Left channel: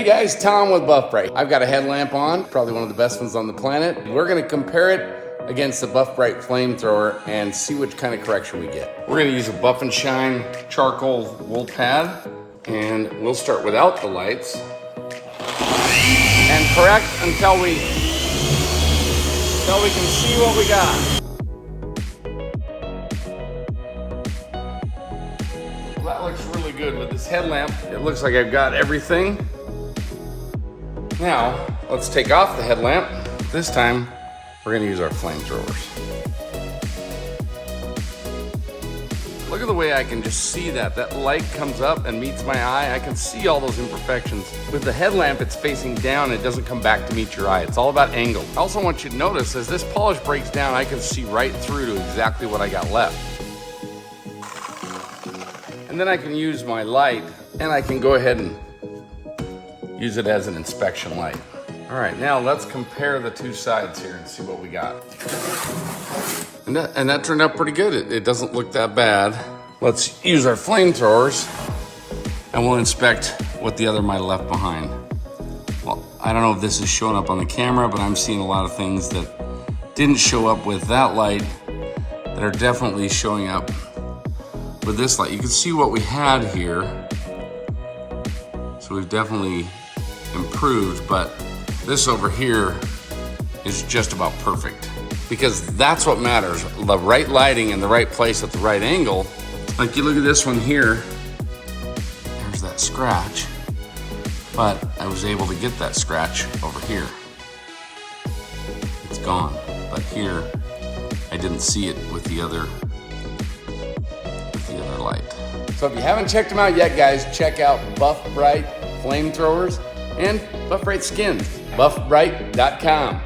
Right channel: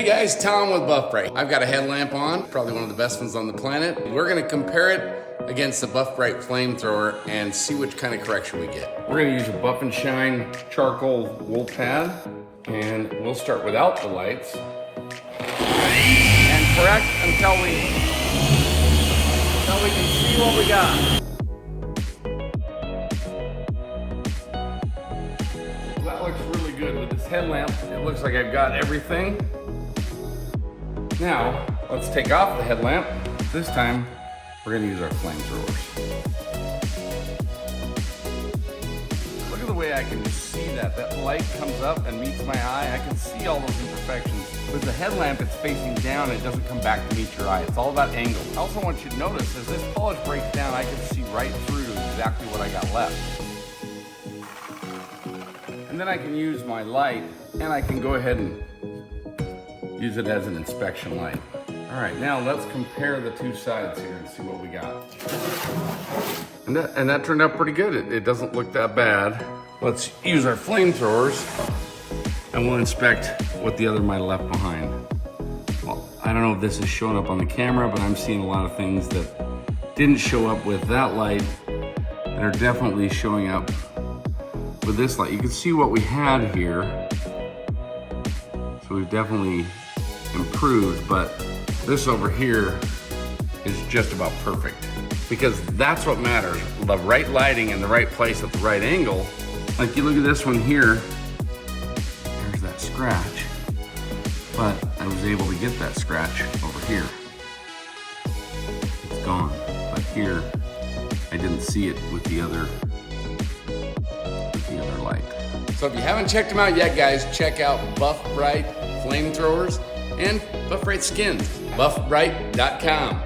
Hey guys, Tom with Vac Brite. I've got a headlamp on, probably one of the best ones on the planet. We're gonna compare it against the Vac Brite Flamethrower and see which kind of correction we get. We're gonna use a Buff and Shine charcoal wool pad, and we'll start without the lights. And correct until we can see what we got. That looks really good with this headlamp. It looks like I've got everything. Now, let's take off the headlamp. This time, we're gonna use our flamethrowers. Look at the way I can just see that. That light comes up and meets my eye. I can see all those imperfections. With the headlamp, it's facing down. It doesn't come back to meet your eye. It's all about angle. I also want you to notice, as this polish breaks down, I can see right through to exactly what I got left. And then I can use my light, and I can go ahead and use it as an inspection light. All right, now let's compare the two sides here and see what we got. And that turned out pretty good. It doesn't look that bad. Let's use our flamethrowers and we'll inspect what the other might have left behind. Well, I don't know if this is showing up on the camera, but I'm seeing a lot of things that didn't show up with that light that are definitely showing up with this light. You can see what we had here. So we've definitely improved, but this over here is just about perfect, because that's what matters. The right lighting in the right place at the right angle. Like you look at this one here, there's that scratch, but I was able to get that scratch over here. It's gone, but here I didn't see it with the other light. So if you haven't checked them out yet, guys, check out Vac Brite Flamethrowers and Vac Brite Skin. VacBrite.com.